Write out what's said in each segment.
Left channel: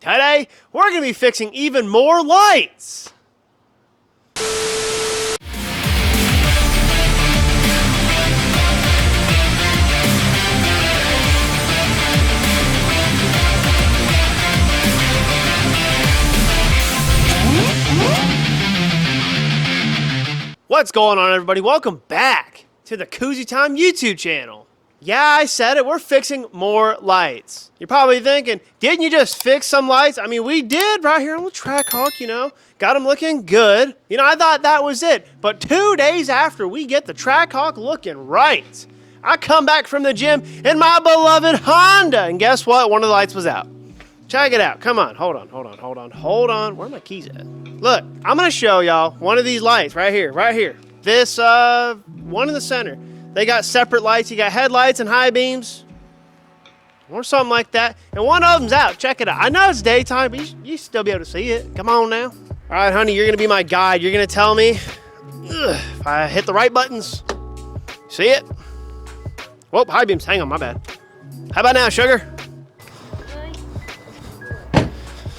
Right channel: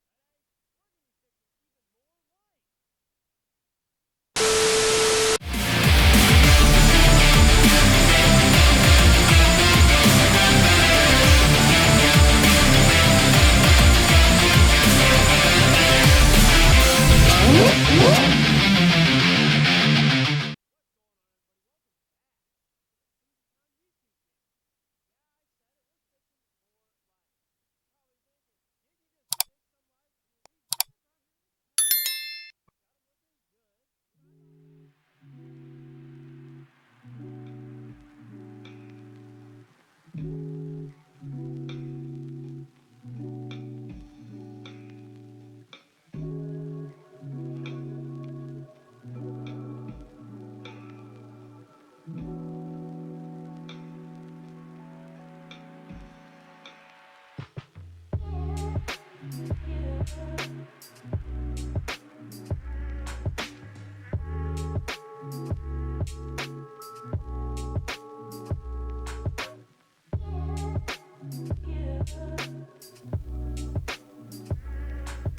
Today, we're going to be fixing even more lights. What's going on, everybody? Welcome back to the Koozie Time YouTube channel. Yeah, I said it. We're fixing more lights. You're probably thinking, didn't you just fix some lights? I mean, we did right here on the Trackhawk, you know. Got them looking good. You know, I thought that was it. But 2 days after we get the Trackhawk looking right, I come back from the gym in my beloved Honda. And guess what? One of the lights was out. Check it out. Come on. Hold on. Where are my keys at? Look, I'm going to show y'all one of these lights right here. This, one in the center. They got separate lights. You got headlights and high beams or something like that. And one of them's out. Check it out. I know it's daytime, but you still be able to see it. Come on now. All right, honey, you're going to be my guide. You're going to tell me if I hit the right buttons. See it? Whoop, high beams. Hang on, my bad. How about now, sugar?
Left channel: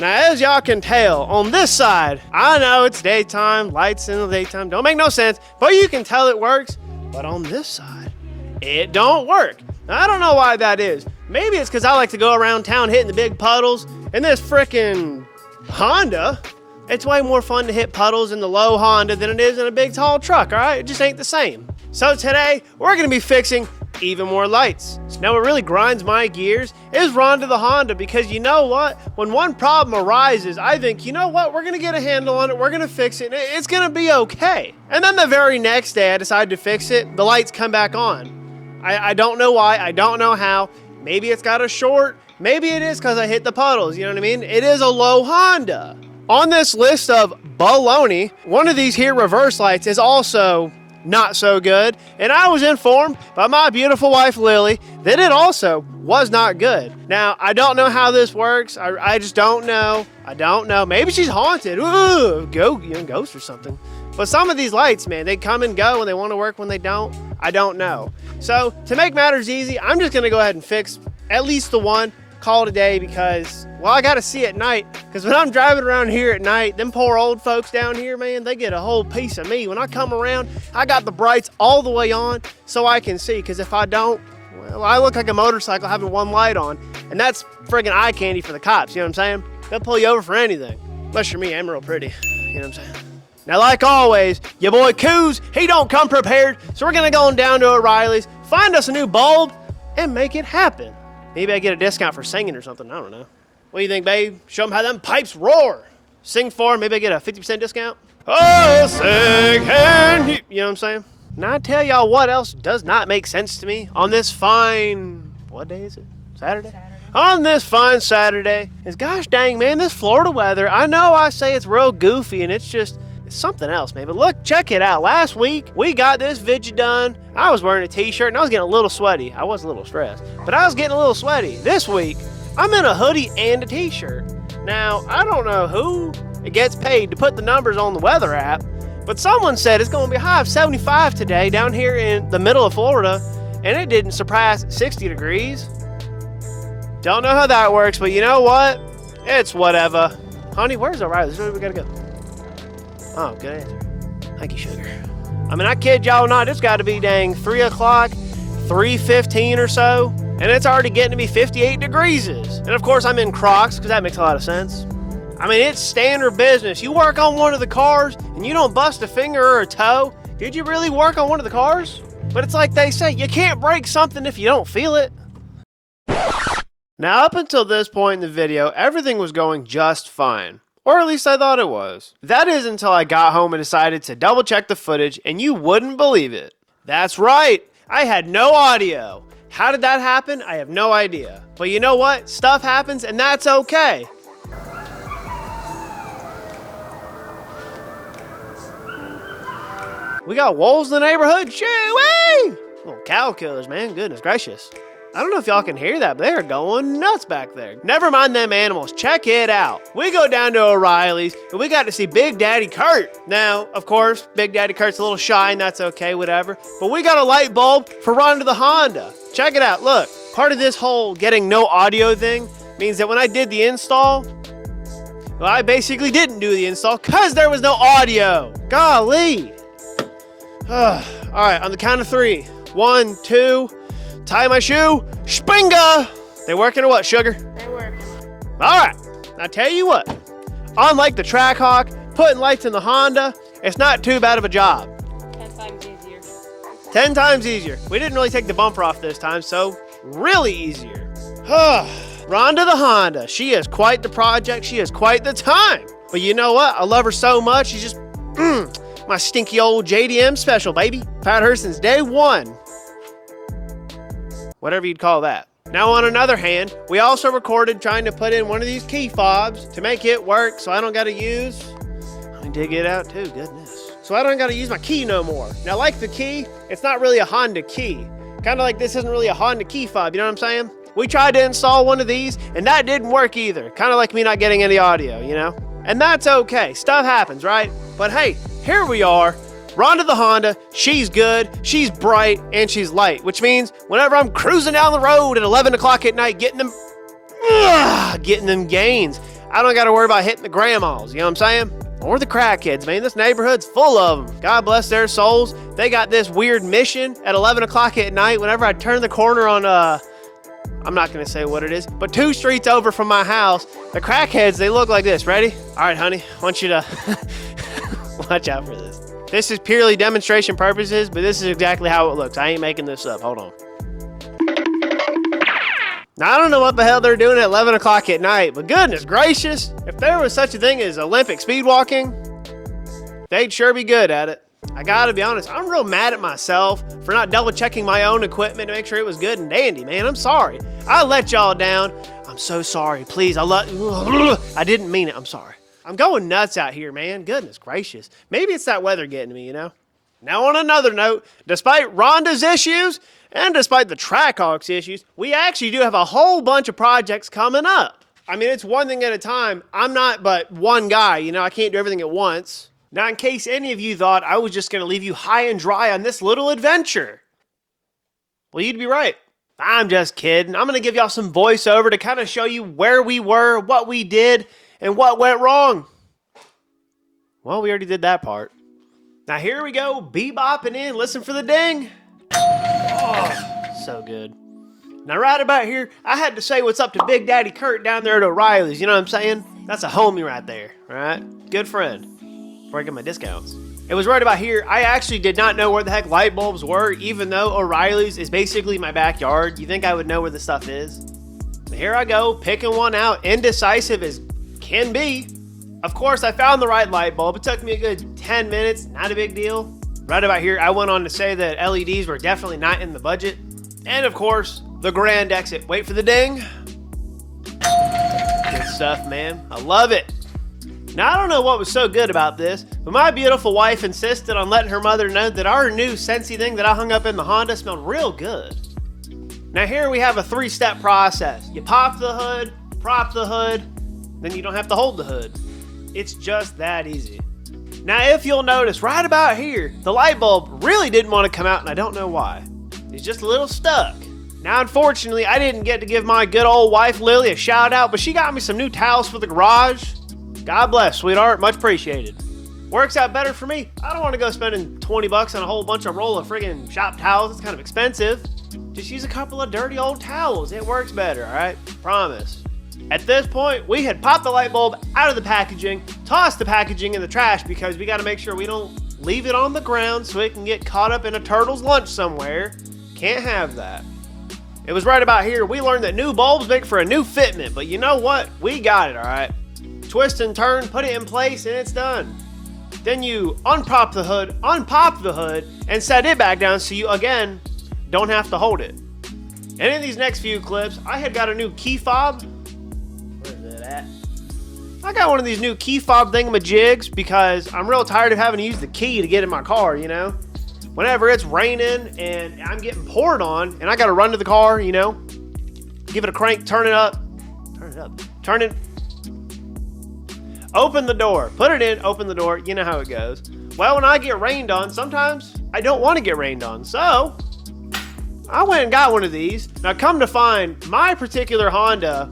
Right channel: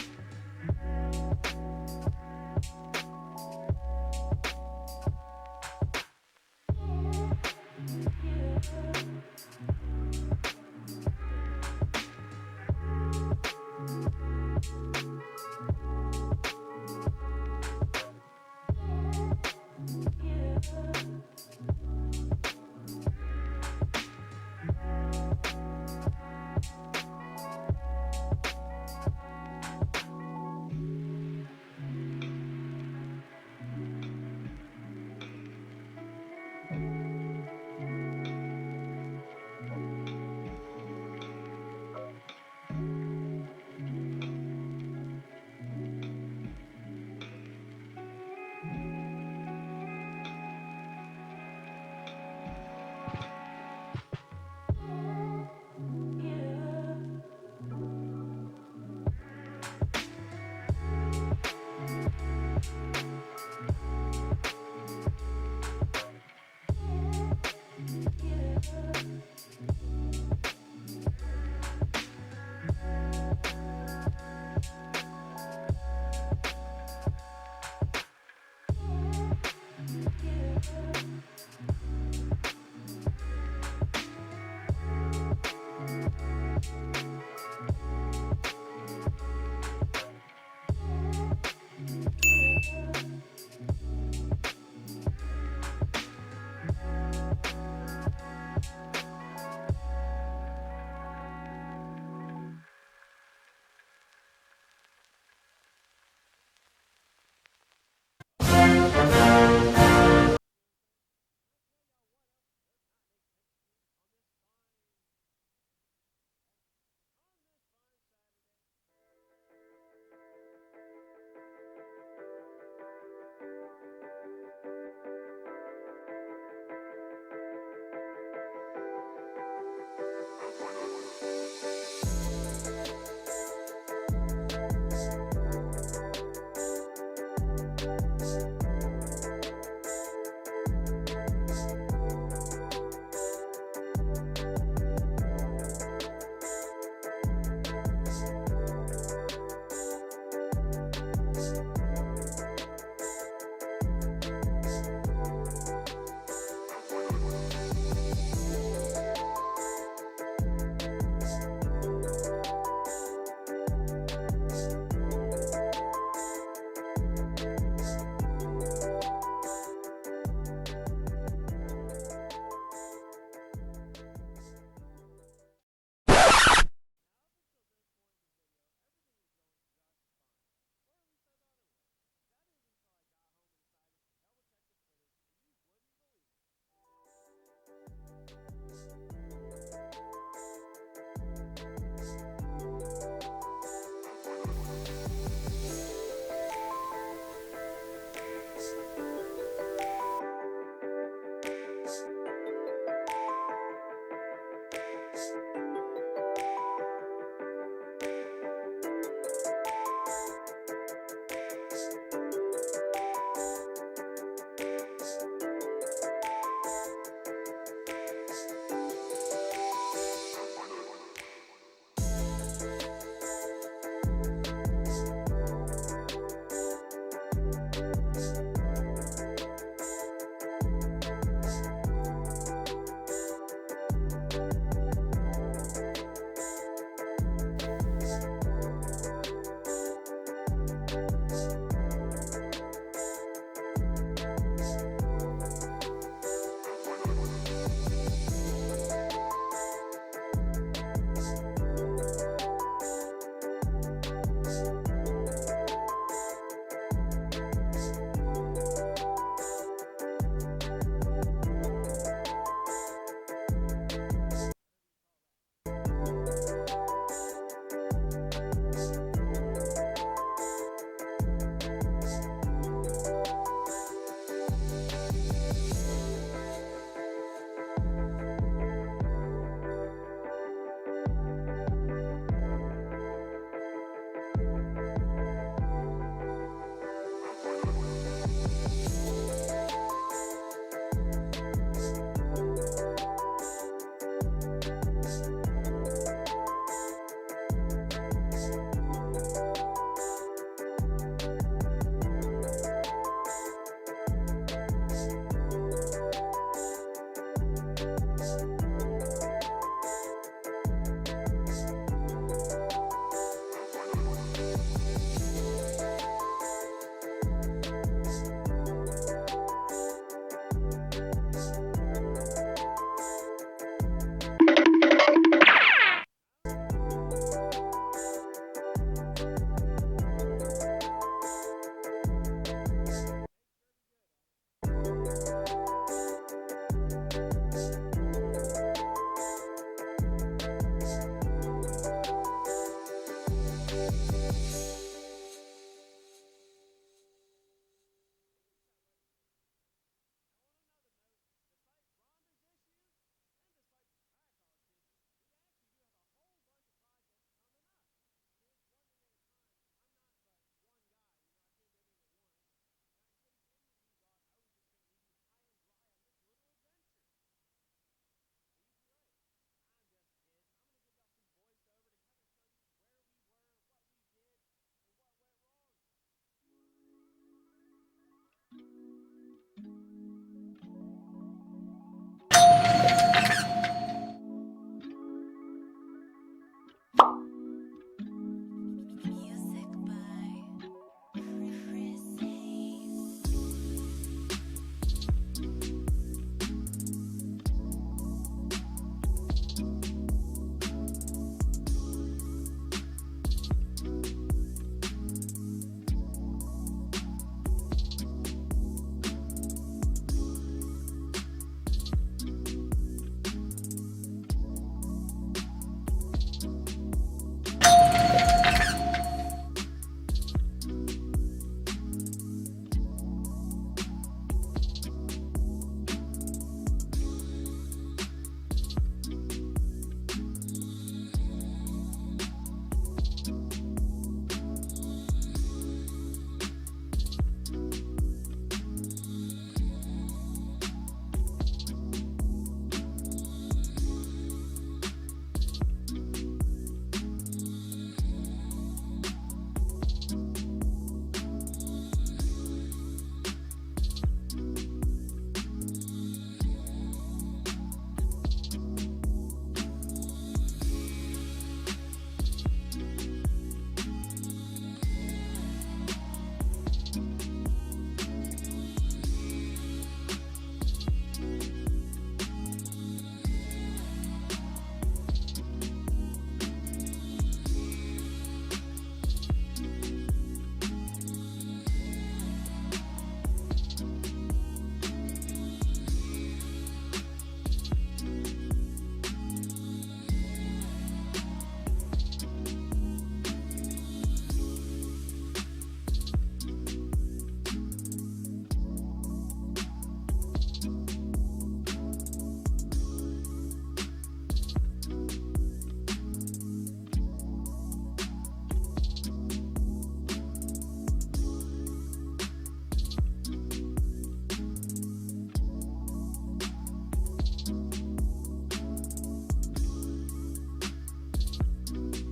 Now, as y'all can tell, on this side, I know it's daytime, lights in the daytime, don't make no sense, but you can tell it works. But on this side, it don't work. Now, I don't know why that is. Maybe it's because I like to go around town hitting the big puddles. And this frickin' Honda, it's way more fun to hit puddles in the low Honda than it is in a big tall truck, all right? It just ain't the same. So today, we're gonna be fixing even more lights. Now, what really grinds my gears is Rhonda the Honda, because you know what? When one problem arises, I think, you know what? We're gonna get a handle on it, we're gonna fix it, and it's gonna be okay. And then the very next day, I decide to fix it, the lights come back on. I don't know why, I don't know how. Maybe it's got a short, maybe it is because I hit the puddles, you know what I mean? It is a low Honda. On this list of baloney, one of these here reverse lights is also not so good, and I was informed by my beautiful wife Lily that it also was not good. Now, I don't know how this works. I just don't know. I don't know. Maybe she's haunted. Ooh, ghost or something. But some of these lights, man, they come and go, and they want to work when they don't. I don't know. So to make matters easy, I'm just gonna go ahead and fix at least the one, call it a day, because, well, I gotta see at night, because when I'm driving around here at night, them poor old folks down here, man, they get a whole piece of me. When I come around, I got the brights all the way on so I can see, because if I don't, well, I look like a motorcycle having one light on, and that's friggin' eye candy for the cops, you know what I'm saying? They'll pull you over for anything. Unless you're me, I'm real pretty, you know what I'm saying? Now, like always, your boy Kooz, he don't come prepared, so we're gonna go on down to O'Reilly's, find us a new bulb, and make it happen. Maybe I get a discount for singing or something. I don't know. What do you think, babe? Show them how them pipes roar. Sing for, maybe I get a 50% discount. Oh, sing and you know what I'm saying? Now, I tell y'all what else does not make sense to me on this fine, what day is it? Saturday? On this fine Saturday is, gosh dang, man, this Florida weather. I know I say it's real goofy and it's something else, man. But look, check it out. Last week, we got this video done. I was wearing a t-shirt and I was getting a little sweaty. I was a little stressed, but I was getting a little sweaty. This week, I'm in a hoodie and a t-shirt. Now, I don't know who gets paid to put the numbers on the weather app, but someone said it's going to be a high of 75 today down here in the middle of Florida, and it didn't surpass 60 degrees. Don't know how that works, but you know what? It's whatever. Honey, where's O'Reilly's? Where we gotta go? Oh, good answer. Thank you, sugar. I mean, I kid y'all not, it's got to be dang 3 o'clock, 3:15 or so, and it's already getting to be 58 degrees. And of course, I'm in Crocs, because that makes a lot of sense. I mean, it's standard business. You work on one of the cars, and you don't bust a finger or a toe. Did you really work on one of the cars? But it's like they say, you can't break something if you don't feel it. Now, up until this point in the video, everything was going just fine. Or at least I thought it was. That is until I got home and decided to double check the footage, and you wouldn't believe it. That's right, I had no audio. How did that happen? I have no idea. But you know what? Stuff happens, and that's okay. We got wolves in the neighborhood? Shoo-wee! Oh, cow killers, man, goodness gracious. I don't know if y'all can hear that, but they're going nuts back there. Never mind them animals, check it out. We go down to O'Reilly's, and we got to see Big Daddy Kurt. Now, of course, Big Daddy Kurt's a little shy, and that's okay, whatever. But we got a light bulb for Rhonda the Honda. Check it out, look. Part of this whole getting no audio thing means that when I did the install, Well, I basically didn't do the install because there was no audio. Golly. All right, on the count of 3. 1, 2, tie my shoe, springa. They working or what, sugar? They working. All right, now tell you what. Unlike the Trackhawk, putting lights in the Honda, it's not too bad of a job. 10 times easier. 10 times easier. We didn't really take the bumper off this time, so really easier. Rhonda the Honda. She is quite the project. She is quite the time. But you know what? I love her so much. She's just, my stinky old JDM special, baby. I've had her since day 1. Whatever you'd call that. Now, on another hand, we also recorded trying to put in one of these key fobs to make it work so I don't got to use... Let me dig it out too, goodness. So I don't got to use my key no more. Now, like the key, it's not really a Honda key. Kind of like this isn't really a Honda key fob, you know what I'm saying? We tried to install one of these, and that didn't work either. Kind of like me not getting any audio, you know? And that's okay. Stuff happens, right? But hey, here we are. Rhonda the Honda, she's good, she's bright, and she's light, which means whenever I'm cruising down the road at 11 o'clock at night getting them gains, I don't got to worry about hitting the grandmas, you know what I'm saying? Or the crackheads, man. This neighborhood's full of them. God bless their souls. They got this weird mission at 11 o'clock at night whenever I turn the corner on, I'm not going to say what it is, but 2 streets over from my house, the crackheads, they look like this. Ready? All right, honey, I want you to watch out for this. This is purely demonstration purposes, but this is exactly how it looks. I ain't making this up. Hold on. Now, I don't know what the hell they're doing at 11 o'clock at night, but goodness gracious, if there was such a thing as Olympic speed walking, they'd sure be good at it. I gotta be honest, I'm real mad at myself for not double checking my own equipment to make sure it was good and dandy, man. I'm sorry. I let y'all down. I'm so sorry. Please, I didn't mean it. I'm sorry. I'm going nuts out here, man. Goodness gracious. Maybe it's that weather getting to me, you know? Now, on another note, despite Rhonda's issues and despite the Trackhawk's issues, we actually do have a whole bunch of projects coming up. I mean, it's one thing at a time. I'm not but one guy, you know? I can't do everything at once. Now, in case any of you thought I was just going to leave you high and dry on this little adventure, well, you'd be right. I'm just kidding. I'm going to give y'all some voiceover to kind of show you where we were, what we did, and what went wrong. Well, we already did that part. Now here we go, bebopping in, listen for the ding. Oh, so good. Now right about here, I had to say what's up to Big Daddy Kurt down there at O'Reilly's, you know what I'm saying? That's a homie right there, all right? Good friend, before I get my discounts. It was right about here. I actually did not know where the heck light bulbs were, even though O'Reilly's is basically my backyard. You think I would know where the stuff is? So here I go, picking one out, indecisive as can be. Of course, I found the right light bulb. It took me a good 10 minutes, not a big deal. Right about here, I went on to say that LEDs were definitely not in the budget. And of course, the grand exit. Wait for the ding. Good stuff, man. I love it. Now, I don't know what was so good about this, but my beautiful wife insisted on letting her mother know that our new Scentsy thing that I hung up in the Honda smelled real good. Now here we have a 3-step process. You pop the hood, prop the hood, then you don't have to hold the hood. It's just that easy. Now, if you'll notice, right about here, the light bulb really didn't want to come out, and I don't know why. It's just a little stuck. Now, unfortunately, I didn't get to give my good old wife, Lily, a shout out, but she got me some new towels for the garage. God bless, sweetheart. Much appreciated. Works out better for me. I don't want to go spending 20 bucks on a whole bunch of roll of friggin' shop towels. It's kind of expensive. Just use a couple of dirty old towels. It works better, all right? Promise. At this point, we had popped the light bulb out of the packaging, tossed the packaging in the trash because we got to make sure we don't leave it on the ground so it can get caught up in a turtle's lunch somewhere. Can't have that. It was right about here we learned that new bulbs make for a new fitment, but you know what? We got it, all right? Twist and turn, put it in place, and it's done. Then you unpop the hood, and set it back down so you, again, don't have to hold it. And in these next few clips, I had got a new key fob. I got one of these new key fob thingamajigs because I'm real tired of having to use the key to get in my car, you know? Whenever it's raining and I'm getting poured on and I gotta run to the car, you know? Give it a crank, turn it up, open the door, put it in, open the door, you know how it goes. Well, when I get rained on, sometimes I don't want to get rained on, so I went and got one of these. Now come to find, my particular Honda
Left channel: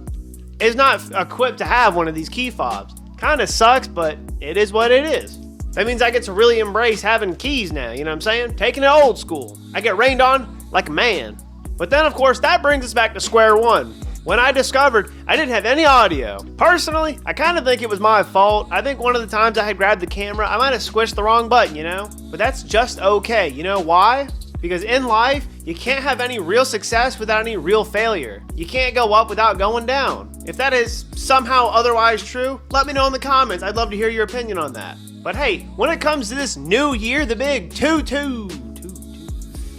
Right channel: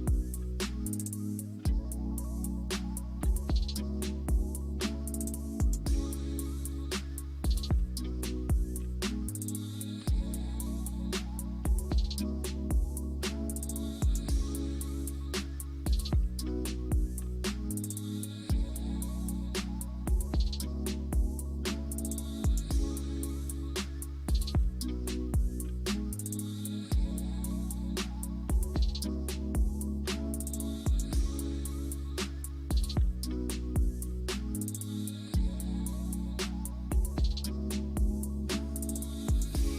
is not equipped to have one of these key fobs. Kind Kind of sucks, but it is what it is. That means I get to really embrace having keys now, you know what I'm saying? Taking it old school. I get rained on like a man. But then, of course, that brings us back to square one. When I discovered I didn't have any audio. Personally, I kind of think it was my fault. I think one of the times I had grabbed the camera, I might have squished the wrong button, you know? But that's just okay. You know why? Because in life, you can't have any real success without any real failure. You can't go up without going down. If that is somehow otherwise true, let me know in the comments. I'd love to hear your opinion on that. But hey, when it comes to this new year, the big the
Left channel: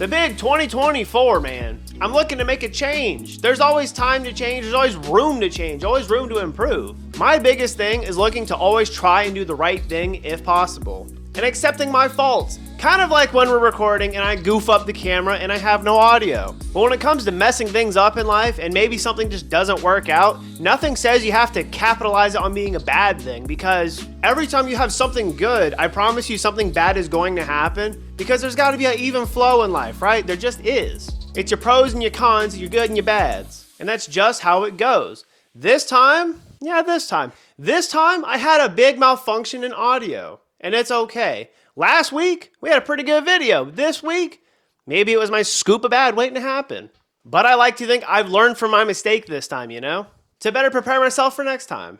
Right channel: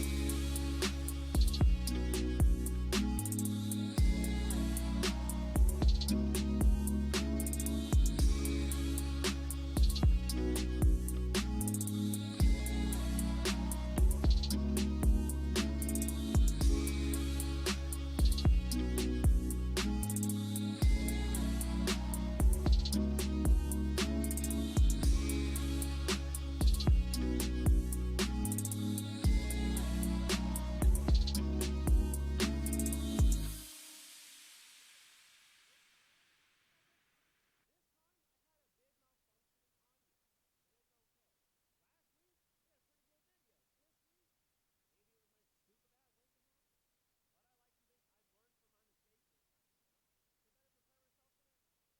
big 2024, man, I'm looking to make a change. There's always time to change. There's always room to change, always room to improve. My biggest thing is looking to always try and do the right thing if possible. And accepting my faults. Kind of like when we're recording and I goof up the camera and I have no audio. But when it comes to messing things up in life and maybe something just doesn't work out, nothing says you have to capitalize it on being a bad thing, because every time you have something good, I promise you something bad is going to happen, because there's got to be an even flow in life, right? There just is. It's your pros and your cons, your good and your bads. And that's just how it goes. This time I had a big malfunction in audio, and it's okay. Last week, we had a pretty good video. This week, maybe it was my scoop of bad waiting to happen. But I like to think I've learned from my mistake this time, you know? To better prepare myself for next time.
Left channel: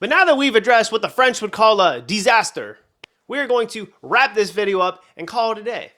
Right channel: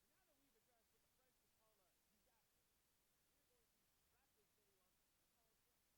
But now that we've addressed what the French would call a disaster, we're going to wrap this video up and call it a day.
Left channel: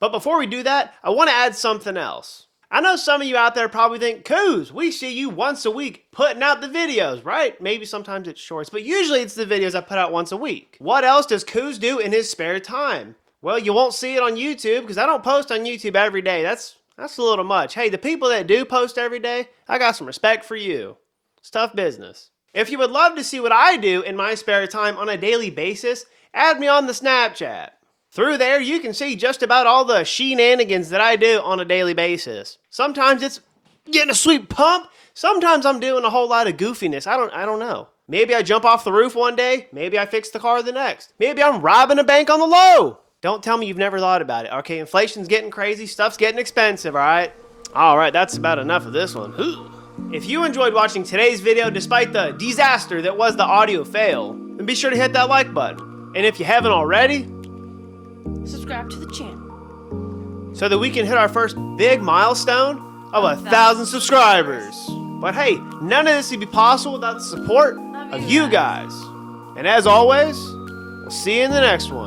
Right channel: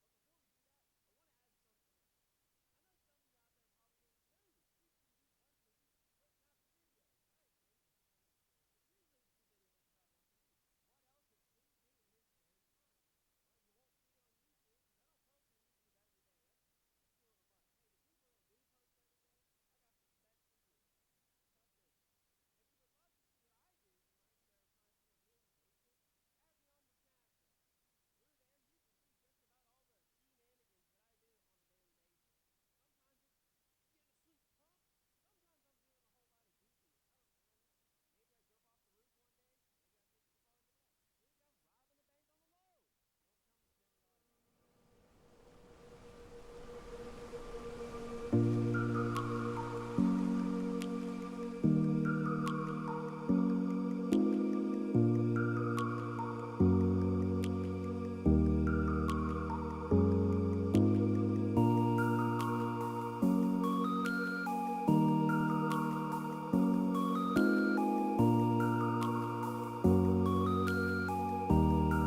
But before we do that, I want to add something else. I know some of you out there probably think, Coos, we see you once a week putting out the videos, right? Maybe sometimes it's shorts, but usually it's the videos I put out once a week. What else does Coos do in his spare time? Well, you won't see it on YouTube because I don't post on YouTube every day. That's a little much. Hey, the people that do post every day, I got some respect for you. It's tough business. If you would love to see what I do in my spare time on a daily basis, add me on the Snapchat. Through there, you can see just about all the shenanigans that I do on a daily basis. Sometimes it's getting a sweet pump. Sometimes I'm doing a whole lot of goofiness. I don't know. Maybe I jump off the roof one day. Maybe I fix the car the next. Maybe I'm robbing a bank on the low. Don't tell me you've never thought about it. Okay, inflation's getting crazy. Stuff's getting expensive, all right? All right, that's about enough of this one. If you enjoyed watching today's video despite the disaster that was the audio fail, then be sure to hit that like button. And if you haven't already, subscribe to the channel so that we can hit our first big milestone of 1,000 subscribers. But hey, none of this would be possible without the support of you guys. And as always, we'll see you in the next one.